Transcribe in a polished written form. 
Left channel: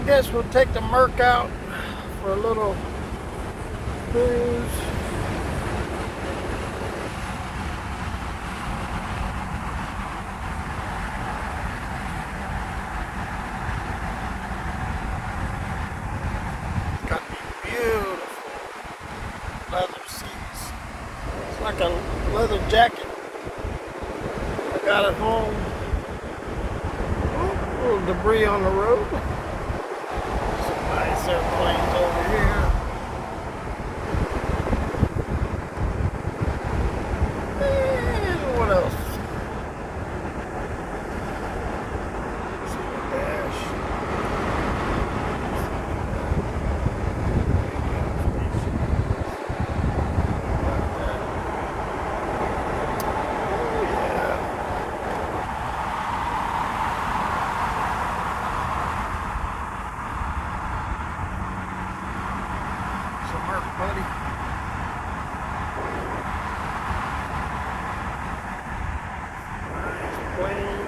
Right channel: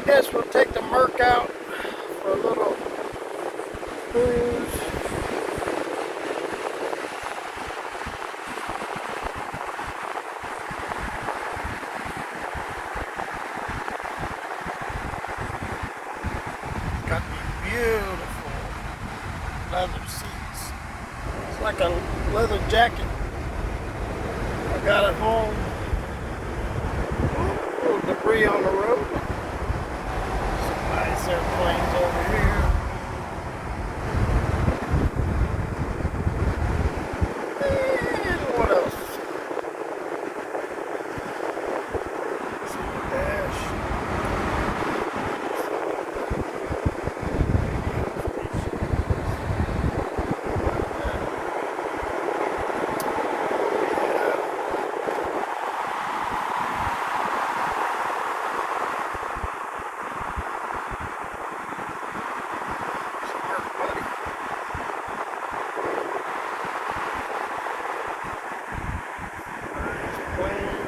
I guess we'll take the Merc out for a little cruise. Got these beautiful leather seats. It's like a leather jacket. I got it home. A little debris on the road. Some nice airplanes over here. And what else? See the dash. Buddy. Nice plane.